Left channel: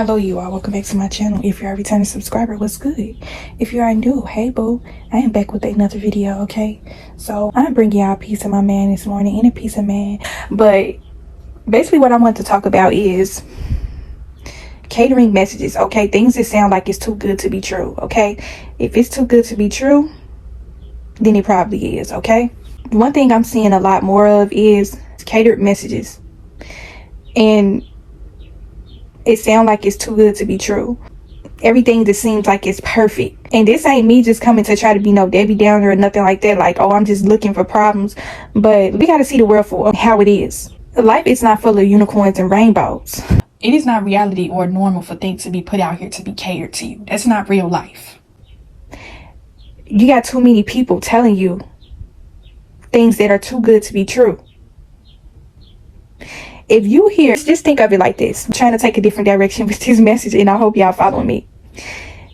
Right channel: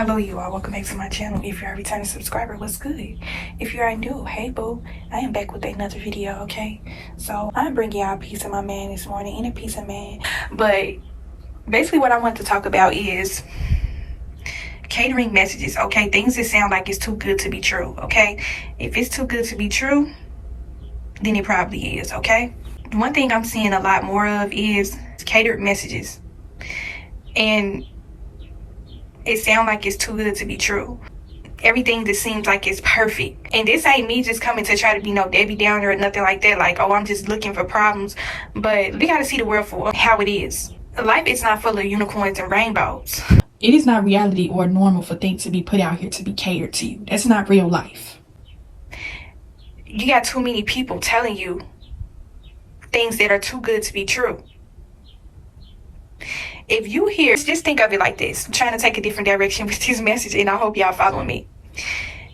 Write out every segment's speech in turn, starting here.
Hello you all, welcome back to my channel. If you're a returning subscriber, what's good? If you are new, hey boo, I am back with another video. Okay, so I'm bringing y'all a piece of my man this morning and a piece of man, but basically what I want to talk about is catering messages. Okay, things that sound like it's too good to be true. Okay, if it's too good to be true, then it probably is. Okay, one thing I'm seeing a lot more of is catered messages, and it sounds like it's too good to be true. Everything just seems like it's perfect. And this ain't me just coming to try to be no Debbie Downer or nothing like that, like, oh, I'm just looking for problems. But we got to see the world for how it is. Life is not full of unicorns and rainbows. It is not reality or normal for things to be put out here to be catered to you. That's not real life. You got too many people telling you things that are too good to be true. If you hear, just think of it like this. I'm trying to take a different direction with this message, and I hope y'all follow me.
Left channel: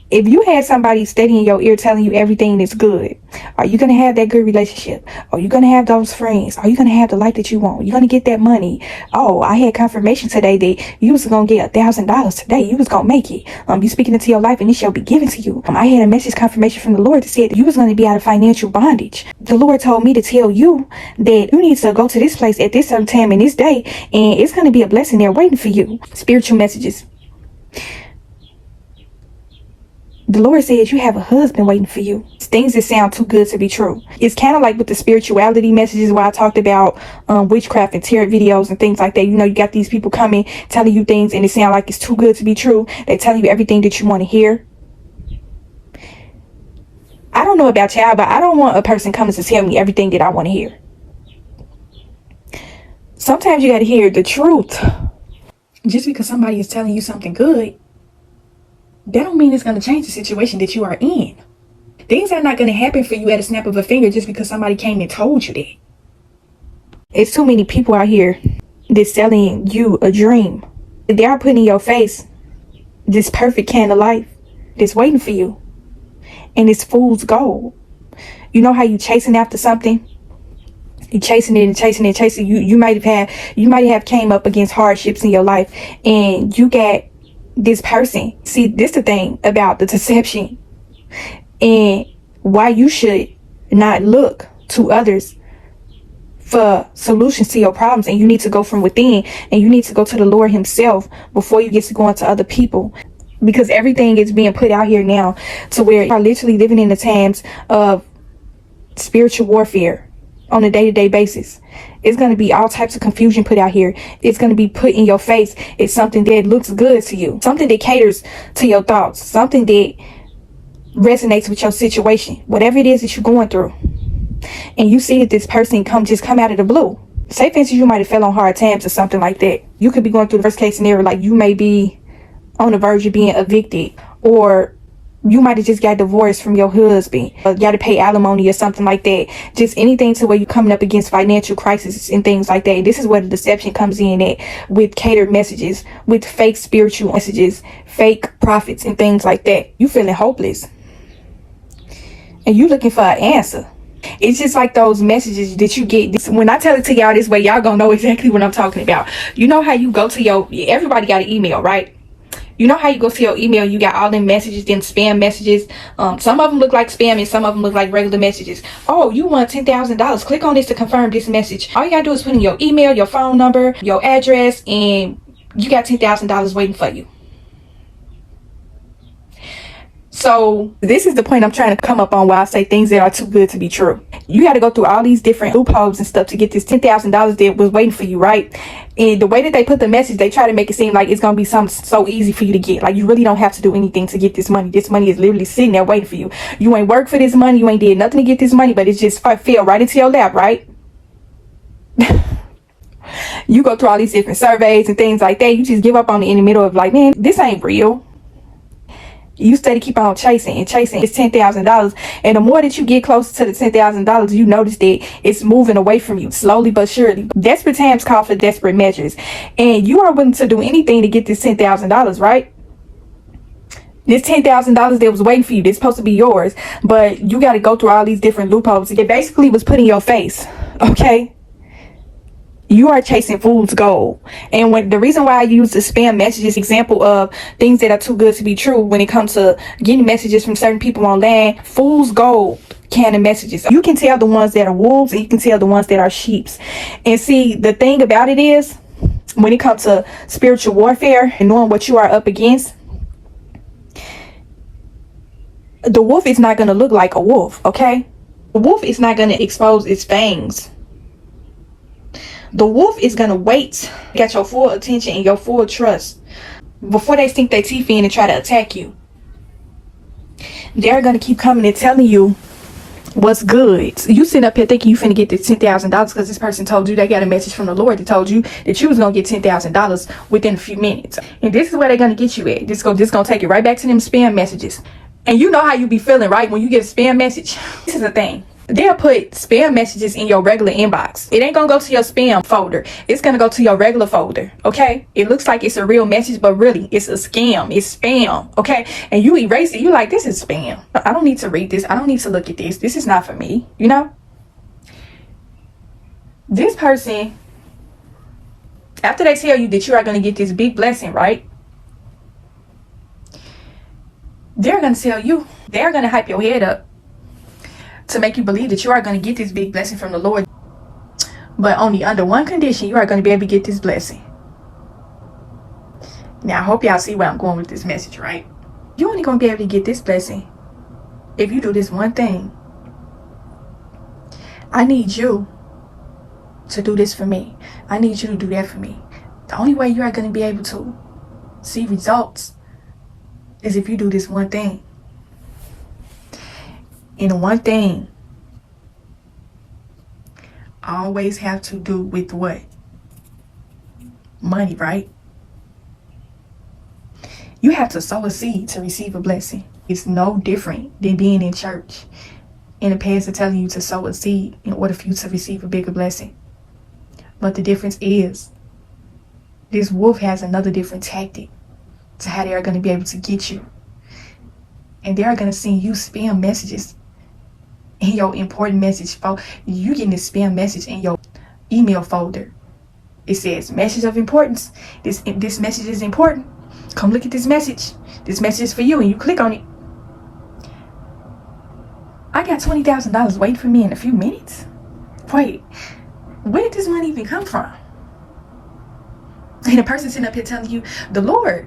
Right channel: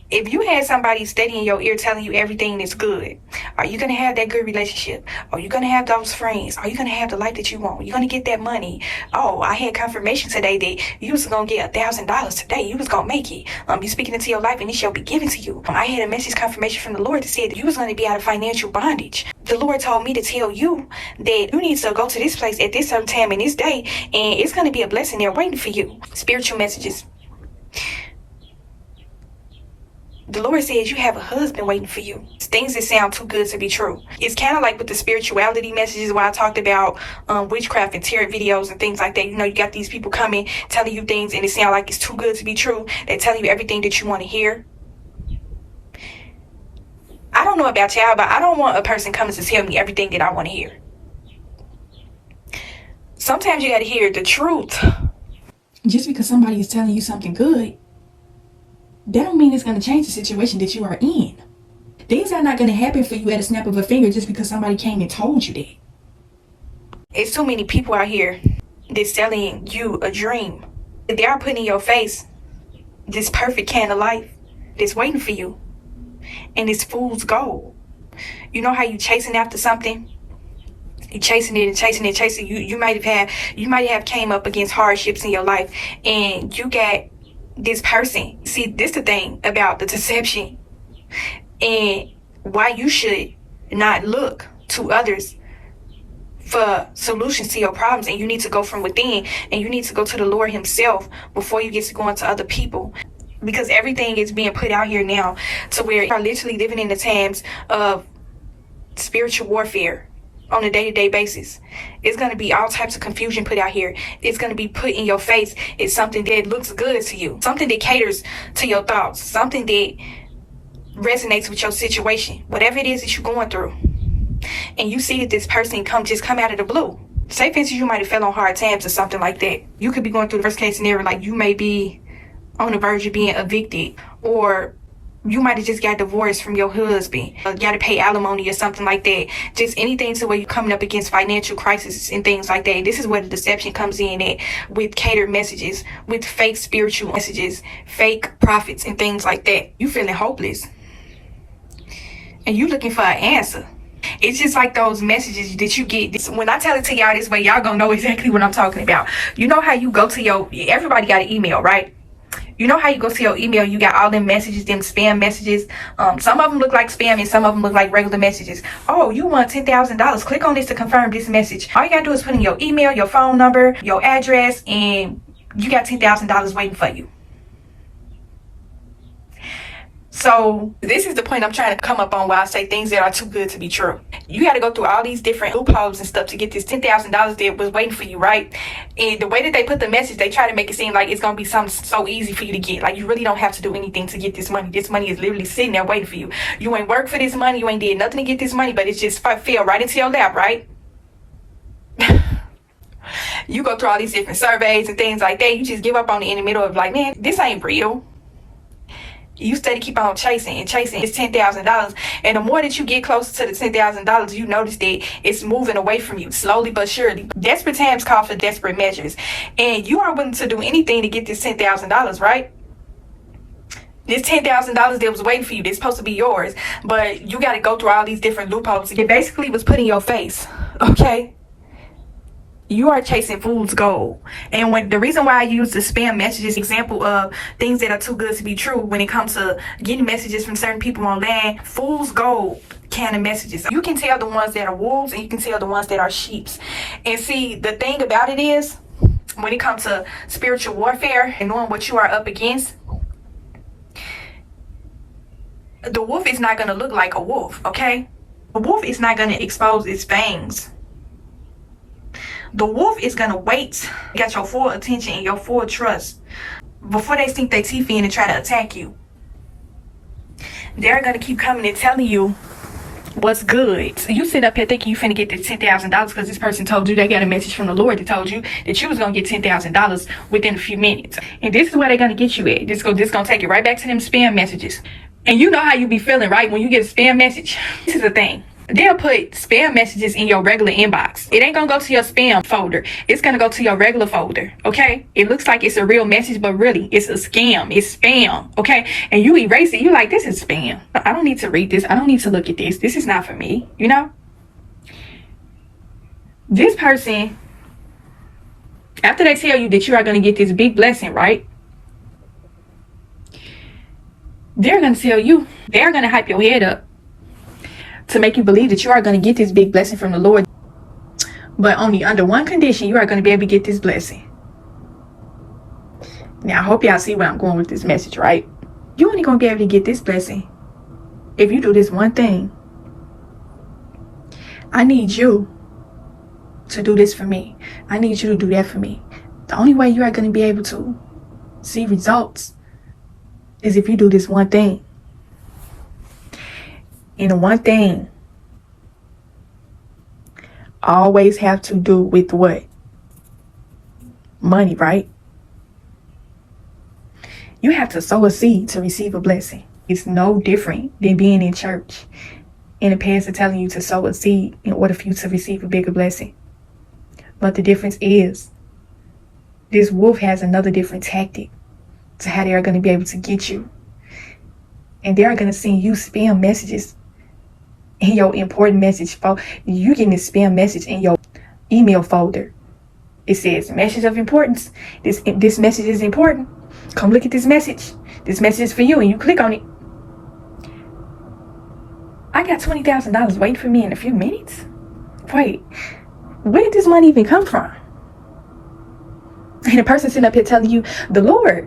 If you had somebody steady in your ear telling you everything is good, are you going to have that good relationship? Are you going to have those friends? Are you going to have the life that you want? You're going to get that money. Oh, I had confirmation today that you was going to get $1,000 today. You was going to make it. You speaking into your life and it shall be given to you. I had a message confirmation from the Lord that said you was going to be out of financial bondage. The Lord told me to tell you that you need to go to this place at this certain time and this day, and it's going to be a blessing there waiting for you. Spiritual messages. The Lord says you have a husband waiting for you. Things that sound too good to be true. It's kind of like with the spirituality messages where I talked about witchcraft and tarot videos and things like that. You know, you got these people coming, telling you things, and it sounds like it's too good to be true. They're telling you everything that you want to hear. I don't know about y'all, but I don't want a person coming to tell me everything that I want to hear. Sometimes you got to hear the truth. Just because somebody is telling you something good, that don't mean it's going to change the situation that you are in. Things are not going to happen for you at a snap of a finger just because somebody came and told you that. It's too many people out here that's selling you a dream. They are putting in your face this perfect kind of life that's waiting for you. And it's fool's gold. You know how you chasing after something? You chasing it and chasing it and chasing. You might have came up against hardships in your life, and you got this person. See, this the thing about the deception and why you should not look to others for solutions to your problems, and you need to go from within, and you need to go to the Lord himself before you get to going to other people, because everything is being put out here now to where you're literally living in the times of spiritual warfare on a day-to-day basis. It's going to be all types of confusion put out here. It's going to be put in your face. It's something that looks good to you, something that caters to your thoughts, something that resonates with your situation, whatever it is that you're going through. And you see that this person come out of the blue. Say for instance, you might have fell on hard times or something like that. You could be going through the worst case scenario, like you may be on the verge of being evicted, or you might have just got divorced from your husband, or got to pay alimony or something like that. Just anything to where you're coming up against financial crisis and things like that. This is where the deception comes in at, with catered messages, with fake spiritual messages, fake prophets and things like that. You feeling hopeless and you looking for an answer. It's just like those messages that you get. When I tell it to y'all this way, y'all gonna know exactly what I'm talking about. You know how you go to everybody got an email, right? You know how you go to your email, you got all them messages, them spam messages. Some of them look like spam and some of them look like regular messages. Oh, you want $10,000. Click on this to confirm this message. All you gotta do is put in your email, your phone number, your address, and you got $10,000 waiting for you. So this is the point I'm trying to come up on, why I say things that are too good to be true. You got to go through all these different loopholes and stuff to get this $10,000 that was waiting for you, right? And the way that they put the message, they try to make it seem like it's going to be something so easy for you to get. Like you really don't have to do anything to get this money. This money is literally sitting there waiting for you. You ain't worked for this money. You ain't did nothing to get this money, but it's just fell right into your lap, right? You go through all these different surveys and things like that. You just give up on it in the middle of like, man, this ain't real. You steady keep on chasing and chasing. It's $10,000, and the more that you get closer to the $10,000, you notice that it's moving away from you slowly but surely. Desperate times call for desperate measures, and you are willing to do anything to get this $10,000, right? This $10,000 that was waiting for you, that's supposed to be yours, but you got to go through all these different loopholes. It basically was put in your face, okay? You are chasing fool's gold. And when the reason why I use the spam messages example of things that are too good to be true when it comes to getting messages from certain people online, fool's gold kind of messages. You can tell the ones that are wolves and you can tell the ones that are sheeps. And see, the thing about it is, when it comes to spiritual warfare and knowing what you are up against, the wolf is not going to look like a wolf, okay? The wolf is not going to expose its fangs. The wolf is going to wait, get your full attention and your full trust before they sink their teeth in and try to attack you. They're going to keep coming and telling you what's good. So you sit up here thinking you finna get this $10,000 because this person told you they got a message from the Lord that told you that you was going to get $10,000 within a few minutes. And this is where they're going to get you at. This going to take it right back to them spam messages. And you know how you be feeling, right? When you get a spam message. This is the thing. They'll put spam messages in your regular inbox. It ain't gonna go to your spam folder. It's gonna go to your regular folder, okay? It looks like it's a real message, but really, it's a scam. It's spam, okay? And you erase it. You like, this is spam. I don't need to read this. I don't need to look at this. This is not for me, you know? This person, after they tell you that you are gonna get this big blessing, right? They're gonna tell you, they're gonna hype your head up to make you believe that you are going to get this big blessing from the Lord. But only under one condition, you are going to be able to get this blessing. Now, I hope y'all see where I'm going with this message, right? You're only going to be able to get this blessing if you do this one thing. I need you to do this for me. I need you to do that for me. The only way you are going to be able to see results is if you do this one thing. And one thing always have to do with what? Money, right? You have to sow a seed to receive a blessing. It's no different than being in church and the pastor telling you to sow a seed in order for you to receive a bigger blessing. But the difference is, this wolf has another different tactic to how they are going to be able to get you. And they are going to send you spam messages in your important message folder. You getting this spam message in your email folder. It says message of importance. This message is important. Come look at this message. This message is for you, and you click on it. I got $20,000 waiting for me in a few minutes. Wait, where did this money even come from? And the person sitting up here telling you, the Lord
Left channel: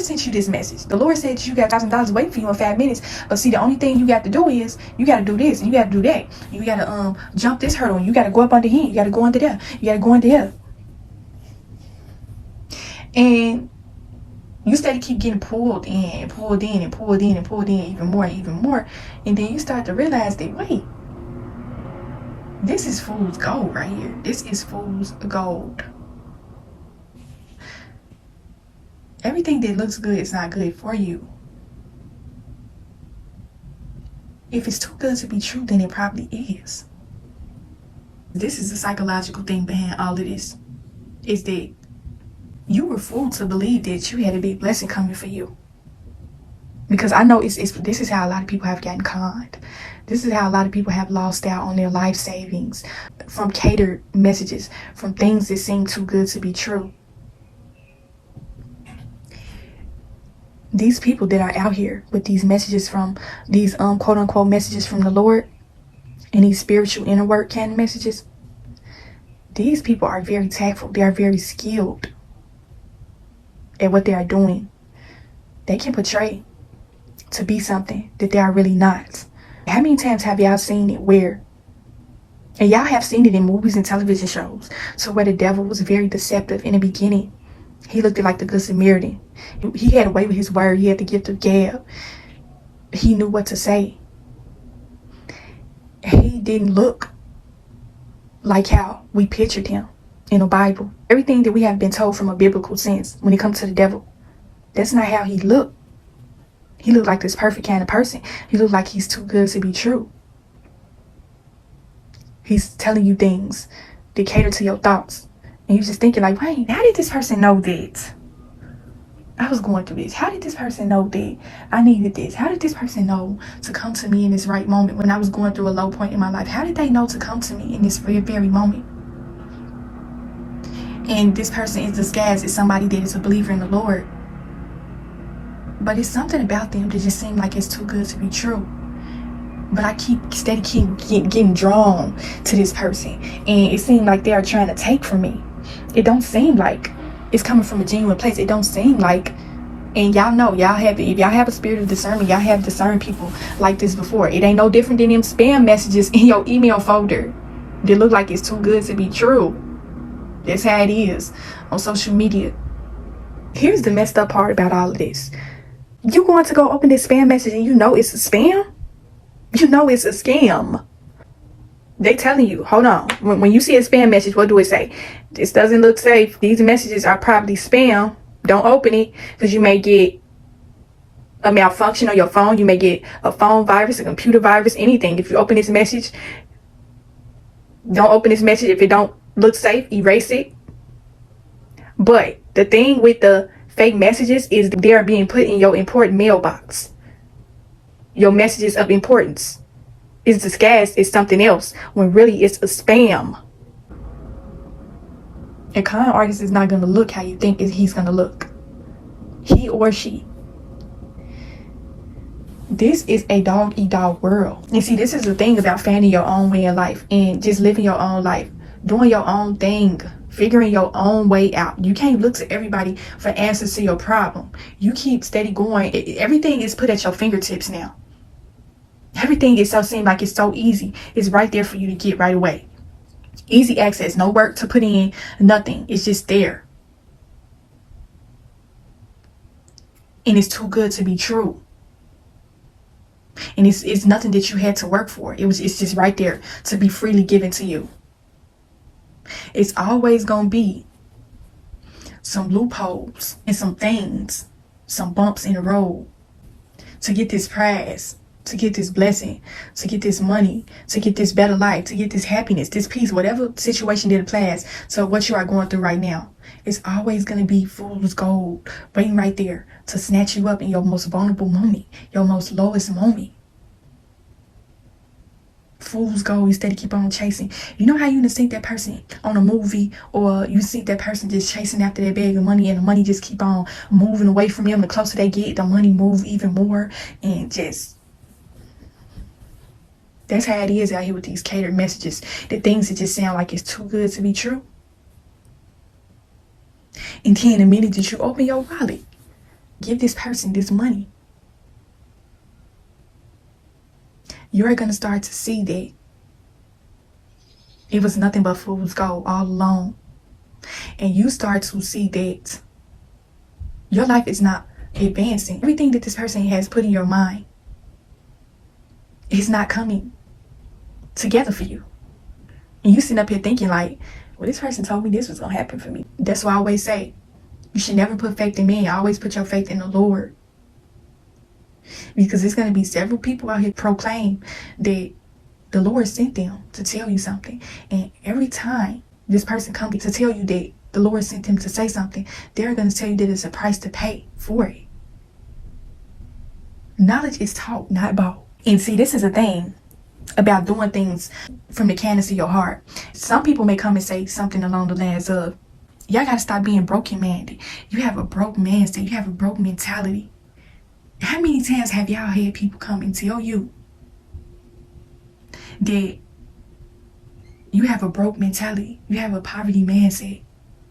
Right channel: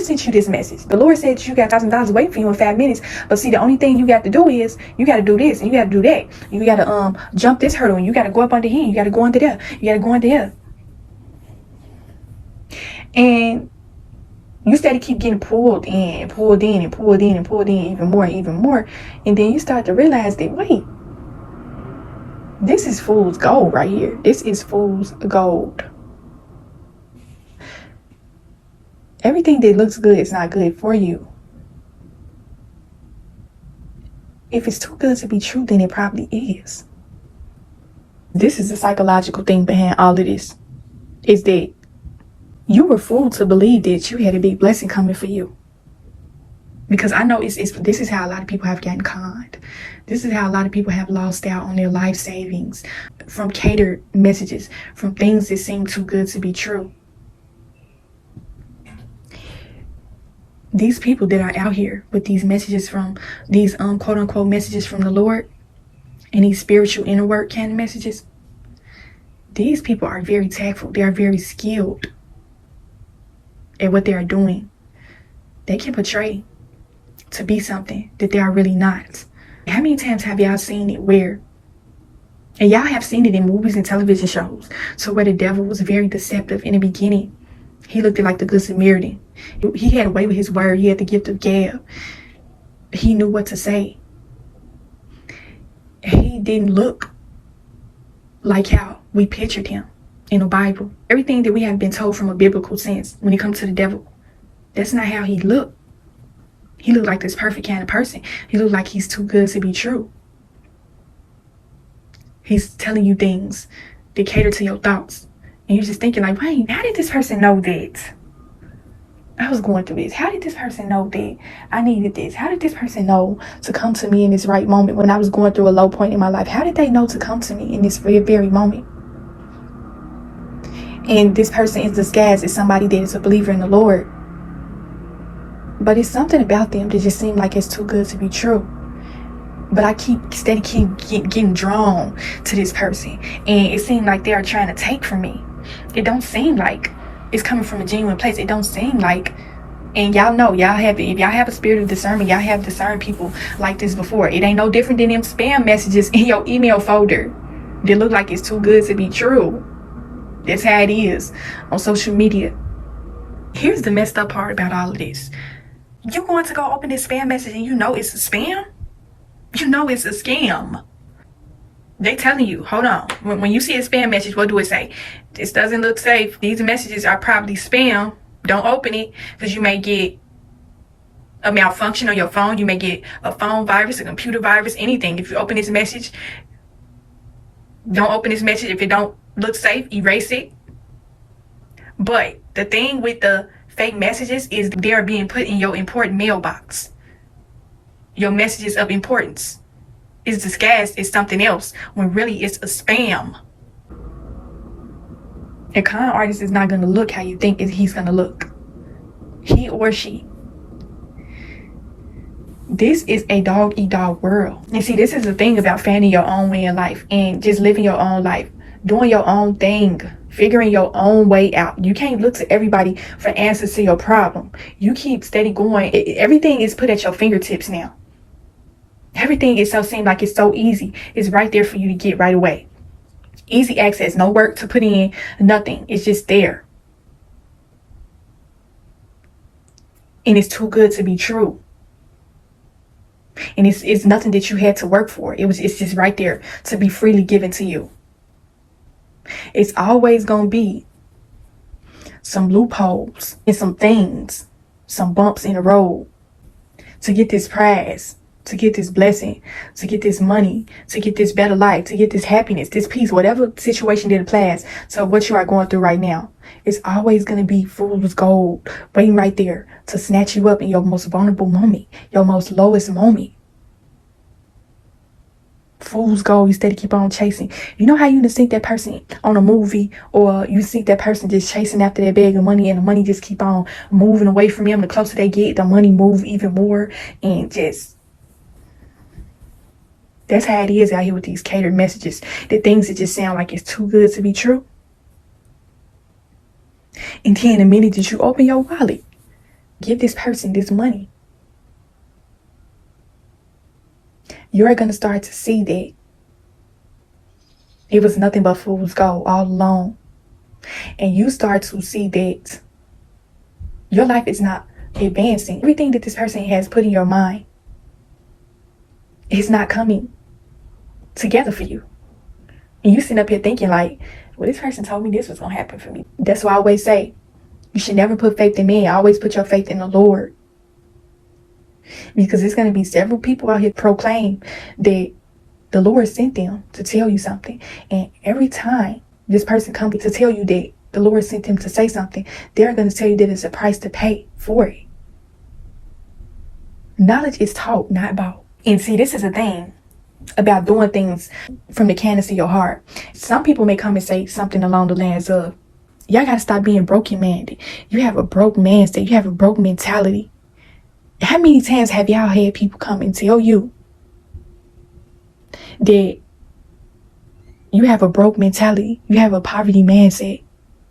sent you this message. The Lord said you got $1,000 waiting for you in 5 minutes. But see, the only thing you got to do is you got to do this and you got to do that. You got to jump this hurdle and you got to go up under here. You got to go under there. You got to go under here. And you start to keep getting pulled in and pulled in and pulled in and pulled in even more and even more. And then you start to realize that, wait, this is fool's gold right here. This is fool's gold. Everything that looks good is not good for you. If it's too good to be true, then it probably is. This is the psychological thing behind all of this. Is that you were fooled to believe that you had a big blessing coming for you. Because I know this is how a lot of people have gotten conned. This is how a lot of people have lost out on their life savings from catered messages, from things that seem too good to be true. These people that are out here with these messages from these quote unquote messages from the Lord and these spiritual inner work kind of messages, these people are very tactful. They are very skilled at what they are doing. They can portray to be something that they are really not. How many times have y'all seen it where, and y'all have seen it in movies and television shows, so where the devil was very deceptive in the beginning. He looked like the Good Samaritan. He had a way with his word. He had the gift of gab. He knew what to say. He didn't look like how we pictured him in the Bible. Everything that we have been told from a biblical sense when it comes to the devil, that's not how he looked. He looked like this perfect kind of person. He looked like he's too good to be true. He's telling you things that cater to your thoughts. And you're just thinking like, wait, how did this person know that? I was going through this. How did this person know that I needed this? How did this person know to come to me in this right moment when I was going through a low point in my life? How did they know to come to me in this very, very moment? And this person is disguised as somebody that is a believer in the Lord. But it's something about them that just seems like it's too good to be true. But I keep getting drawn to this person. And it seems like they are trying to take from me. It don't seem like it's coming from a genuine place. It don't seem like, and y'all know, if y'all have a spirit of discernment, y'all have discerned people like this before. It ain't no different than them spam messages in your email folder that look like it's too good to be true. That's how it is on social media. Here's the messed up part about all of this. You going to go open this spam message and you know it's a spam? You know it's a scam. They telling you, hold on. When you see a spam message, what do it say? This doesn't look safe. These messages are probably spam. Don't open it because you may get a malfunction on your phone. You may get a phone virus, a computer virus, anything. If you open this message, don't open this message. If it don't look safe, erase it. But the thing with the fake messages is they're being put in your important mailbox. Your messages of importance is disguised as something else when really it's a spam. A con artist is not going to look how you think he's going to look. He or she. This is a dog-eat-dog world. And see, this is the thing about finding your own way in life and just living your own life, doing your own thing, figuring your own way out. You can't look to everybody for answers to your problem. You keep steady going. Everything is put at your fingertips now. Everything is seems like it's so easy. It's right there for you to get right away. Easy access, no work to put in, nothing. It's just there. And it's too good to be true. And it's nothing that you had to work for. It's just right there to be freely given to you. It's always gonna be some loopholes and some things, some bumps in the road to get this prize, to get this blessing, to get this money, to get this better life, to get this happiness, this peace, whatever situation that applies to what you are going through right now. It's always going to be fool's gold waiting right there to snatch you up in your most vulnerable moment, your most lowest moment. Fool's gold, you steady keep on chasing. You know how you just see that person on a movie, or you see that person just chasing after that bag of money, and the money just keep on moving away from them. The closer they get, the money move even more, and just that's how it is out here with these catered messages. The things that just sound like it's too good to be true. And then the minute that you open your wallet, give this person this money, you're going to start to see that it was nothing but fool's gold all along. And you start to see that your life is not advancing. Everything that this person has put in your mind is not coming together for you. And you sitting up here thinking like, well, this person told me this was going to happen for me. That's why I always say, you should never put faith in man. Always put your faith in the Lord. Because there's going to be several people out here proclaim that the Lord sent them to tell you something. And every time this person comes to tell you that the Lord sent them to say something, they're going to tell you that it's a price to pay for it. Knowledge is taught, not bought. And see, this is a thing about doing things from the kindness of your heart. Some people may come and say something along the lines of, y'all got to stop being broken-minded. You have a broke mindset. You have a broke mentality. How many times have y'all had people come and tell you that you have a broke mentality, you have a poverty mindset?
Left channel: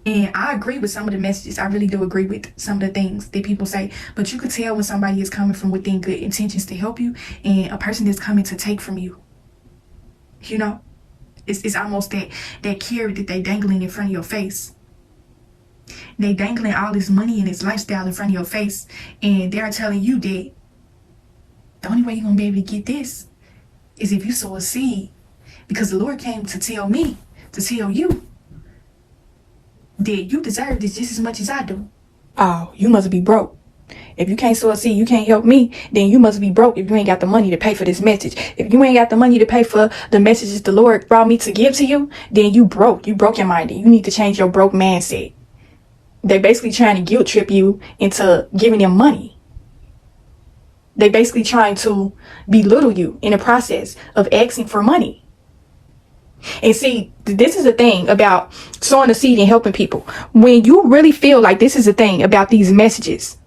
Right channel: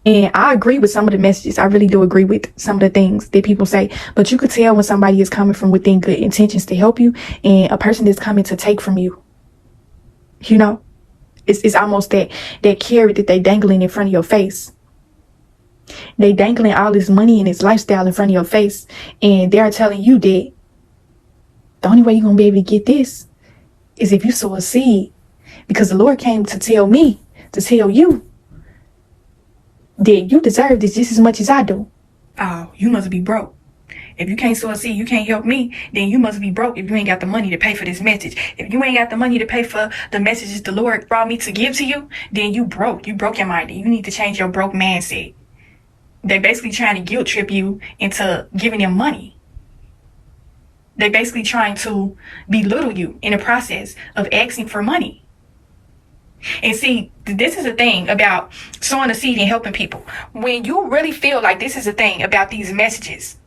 And I agree with some of the messages. I really do agree with some of the things that people say. But you could tell when somebody is coming from within good intentions to help you, and a person is coming to take from you. You know, it's almost that carrot that they dangling in front of your face. They dangling all this money and this lifestyle in front of your face, and they're telling you that the only way you're going to be able to get this is if you sow a seed. Because the Lord came to tell me, to tell you that you deserve this just as much as I do. Oh, you must be broke. If you can't sow a seed, you can't help me, then you must be broke if you ain't got the money to pay for this message. If you ain't got the money to pay for the messages the Lord brought me to give to you, then you broke. You broke your mind. You need to change your broke mindset. They basically trying to guilt trip you into giving them money. They basically trying to belittle you in the process of asking for money. And see, this is the thing about sowing a seed and helping people. When you really feel like this is the thing about these messages,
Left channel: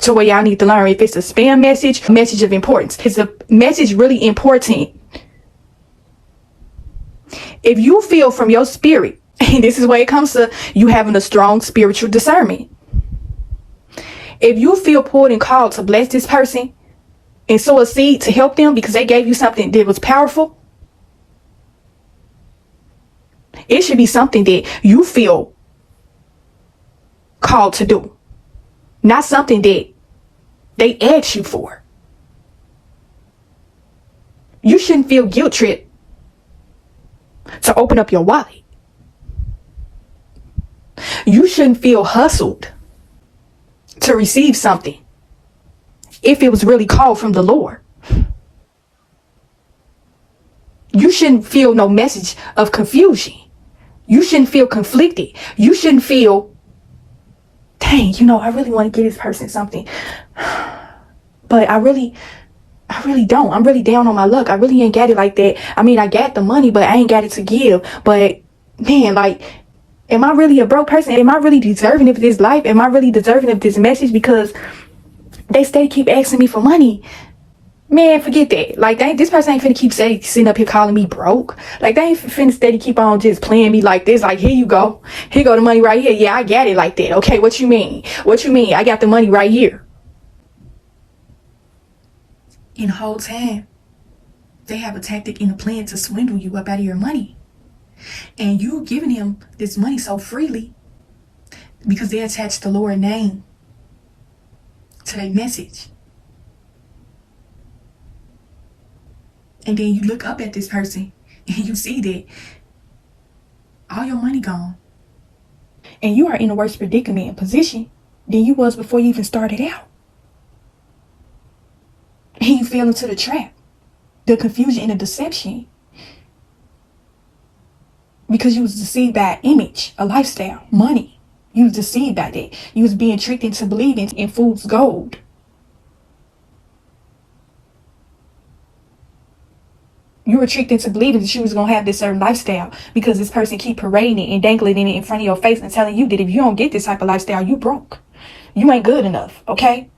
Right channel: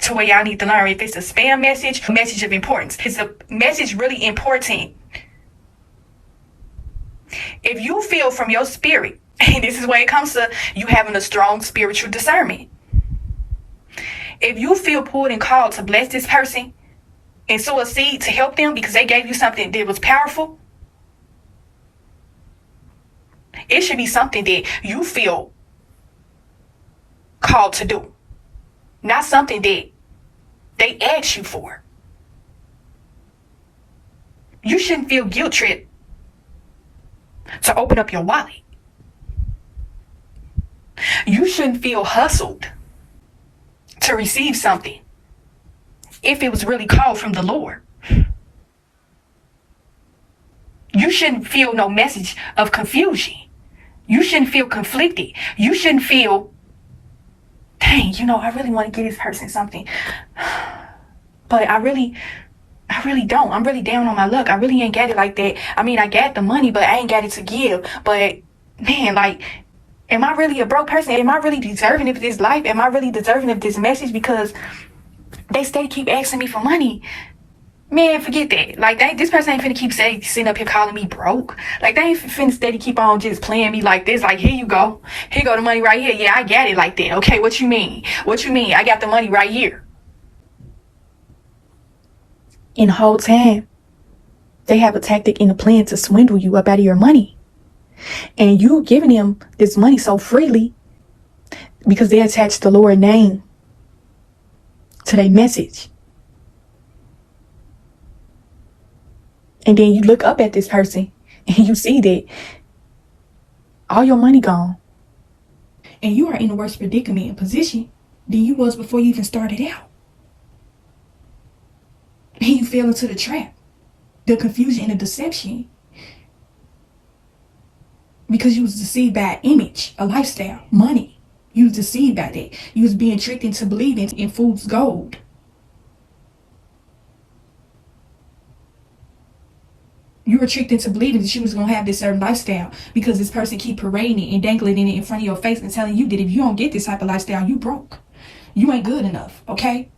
to where y'all need to learn if it's a spam message, a message of importance. Is a message really important? If you feel from your spirit, and this is where it comes to you having a strong spiritual discernment. If you feel pulled and called to bless this person and sow a seed to help them because they gave you something that was powerful, it should be something that you feel called to do, not something that they asked you for. You shouldn't feel guilt tripped to open up your wallet. You shouldn't feel hustled to receive something if it was really called from the Lord. You shouldn't feel no message of confusion. You shouldn't feel conflicted. You shouldn't feel, dang, I really want to get this person something, but I really don't. I'm really down on my luck. I really ain't got it like that. I mean, I got the money, but I ain't got it to give. But man, like, am I really a broke person? Am I really deserving of this life? Am I really deserving of this message? Because they steady keep asking me for money. Man, forget that. Like, this person ain't finna keep sitting up here calling me broke. Like, they ain't finna steady keep on just playing me like this. Like, here you go. Here go the money right here. Yeah, I got it like that. Okay, what you mean? What you mean? I got the money right here. And the whole time, they have a tactic and a plan to swindle you up out of your money. And you giving them this money so freely because they attach the Lord's name to their message. And then you look up at this person and you see that all your money gone. And you are in a worse predicament and position than you was before you even started out. And you fell into the trap, the confusion and the deception. Because you was deceived by an image, a lifestyle, money. You was deceived by that. You was being tricked into believing in fool's gold. You were tricked into believing that you was going to have this certain lifestyle because this person keep parading it and dangling it in front of your face and telling you that if you don't get this type of lifestyle, you broke. You ain't good enough, okay?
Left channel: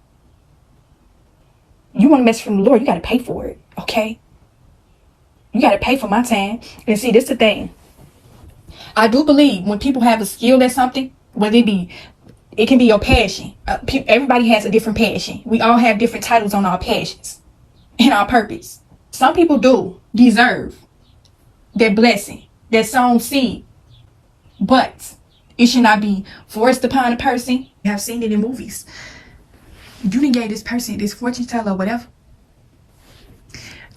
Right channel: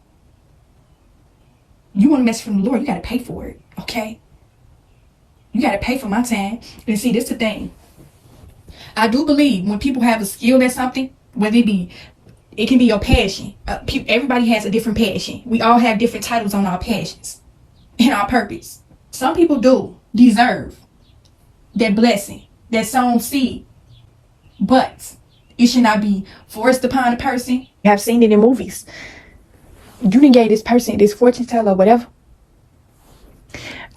You want to mess from the Lord, you got to pay for it, okay? You got to pay for my time. And see, this is the thing. I do believe when people have a skill at something, whether it can be your passion. Everybody has a different passion. We all have different titles on our passions and our purpose. Some people do deserve that blessing, that sown seed, but it should not be forced upon a person. I've seen it in movies. You didn't give this person, this fortune teller or whatever.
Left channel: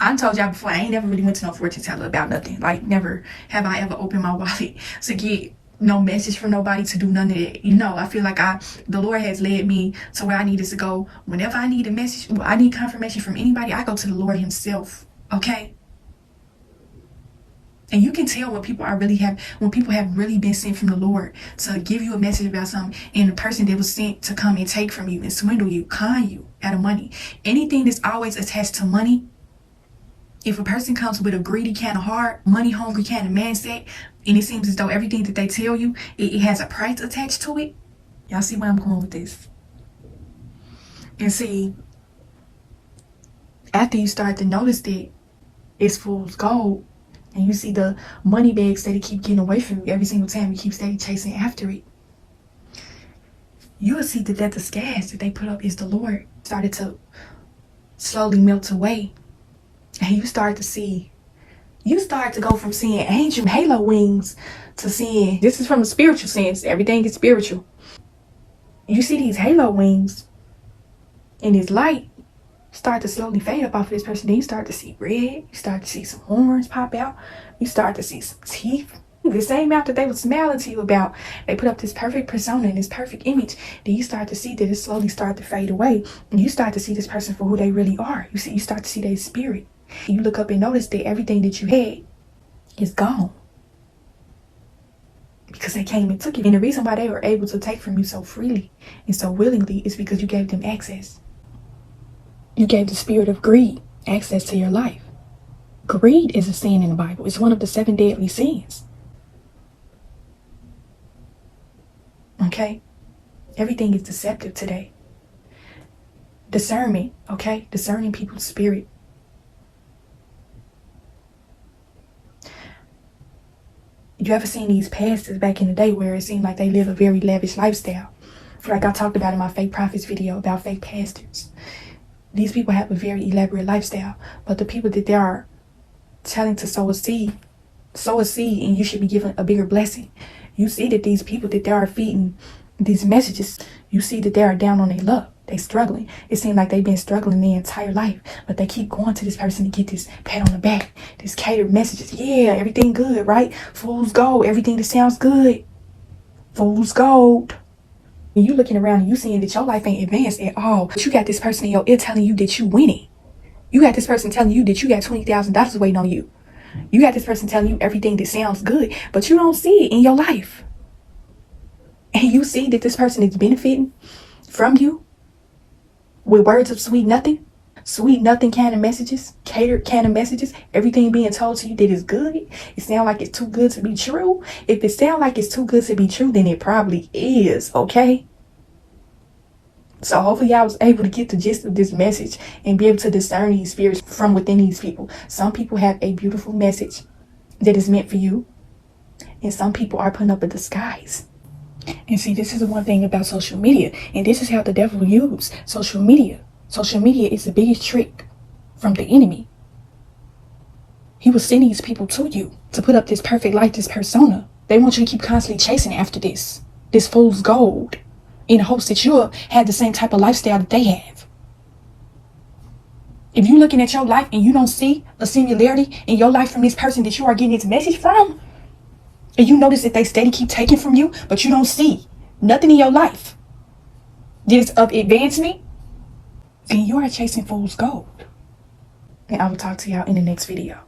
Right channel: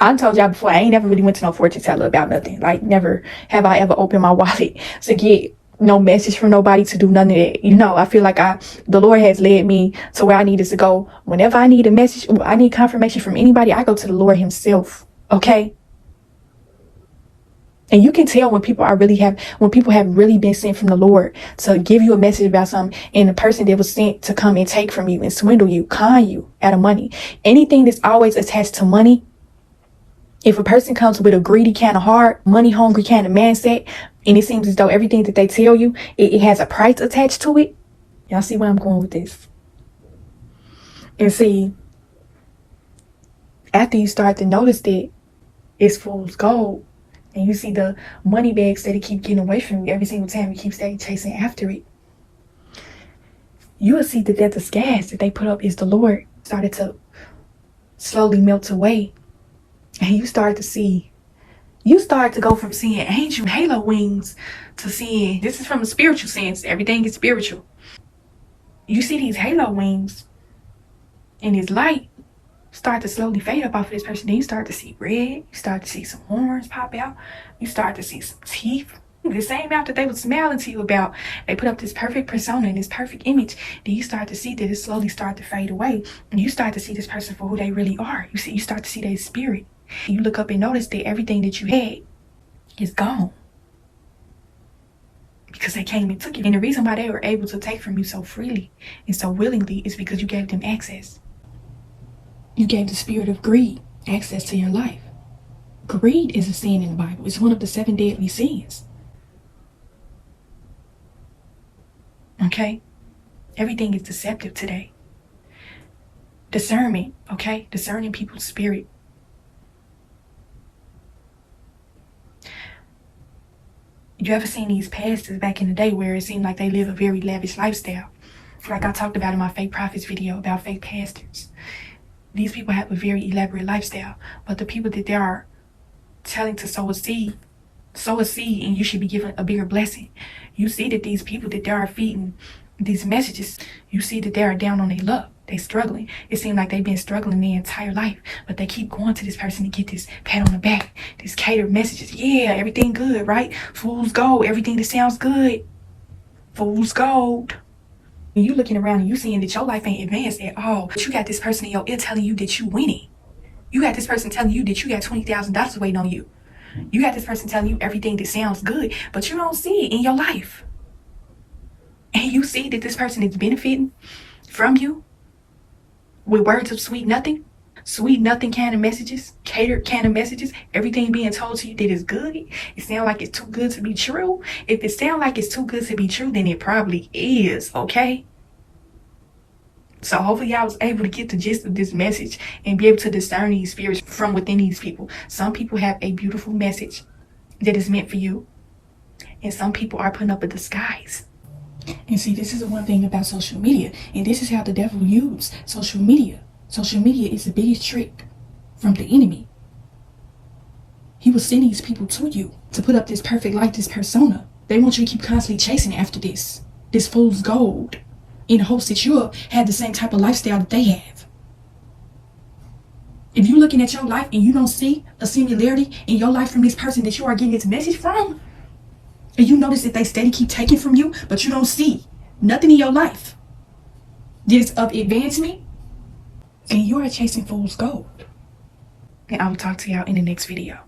I told y'all before, I ain't never really went to no fortune teller about nothing. Like, never have I ever opened my wallet to get no message from nobody, to do none of that. I feel like the Lord has led me to where I needed to go. Whenever I need a message, I need confirmation from anybody, I go to the Lord himself. Okay? And you can tell when people have really been sent from the Lord to give you a message about something, and the person that was sent to come and take from you and swindle you, con you out of money. Anything that's always attached to money, if a person comes with a greedy kind of heart, money hungry kind of mindset, and it seems as though everything that they tell you, it has a price attached to it. Y'all see where I'm going with this? And see, after you start to notice that it's fool's gold, and you see the money bags that keep getting away from you every single time you keep steady chasing after it, you will see that the disguise that they put up is the Lord started to slowly melt away. And you start to go from seeing angel halo wings to seeing, this is from a spiritual sense, everything is spiritual. You see these halo wings and this light start to slowly fade up off of this person. Then you start to see red, you start to see some horns pop out, you start to see some teeth. The same mouth that they were smiling to you about, they put up this perfect persona and this perfect image. Then you start to see that it slowly start to fade away. And you start to see this person for who they really are. You start to see their spirit. You look up and notice that everything that you had is gone. Because they came and took it. And the reason why they were able to take from you so freely and so willingly is because you gave them access. You gave the spirit of greed access to your life. Greed is a sin in the Bible. It's one of the 7 deadly sins. Okay? Everything is deceptive today. Discernment, okay? Discerning people's spirit. You ever seen these pastors back in the day where it seemed like they live a very lavish lifestyle? Like I talked about in my fake prophets video about fake pastors. These people have a very elaborate lifestyle, but the people that they are telling to sow a seed and you should be given a bigger blessing. You see that these people that they are feeding these messages, you see that they are down on their luck. They struggling. It seems like they've been struggling their entire life, but they keep going to this person to get this pat on the back, this catered messages. Yeah, everything good, right? Fool's gold. Everything that sounds good. Fool's gold. And you looking around and you seeing that your life ain't advanced at all. But you got this person in your ear telling you that you winning. You got this person telling you that you got $20,000 waiting on you. You got this person telling you everything that sounds good, but you don't see it in your life. And you see that this person is benefiting from you with words of sweet nothing kind of messages, catered kind of messages, everything being told to you that is good. It sounds like it's too good to be true. If it sounds like it's too good to be true, then it probably is, okay? So hopefully I was able to get the gist of this message and be able to discern these spirits from within these people. Some people have a beautiful message that is meant for you, and some people are putting up a disguise. And see, this is the one thing about social media, and this is how the devil uses social media. Social media is the biggest trick from the enemy. He will send these people to you to put up this perfect life, this persona. They want you to keep constantly chasing after this fool's gold, in hopes that you'll have the same type of lifestyle that they have. If you're looking at your life and you don't see a similarity in your life from this person that you are getting this message from, and you notice that they steady keep taking from you, but you don't see nothing in your life that is of advancement, and you are chasing fool's gold. And I will talk to y'all in the next video.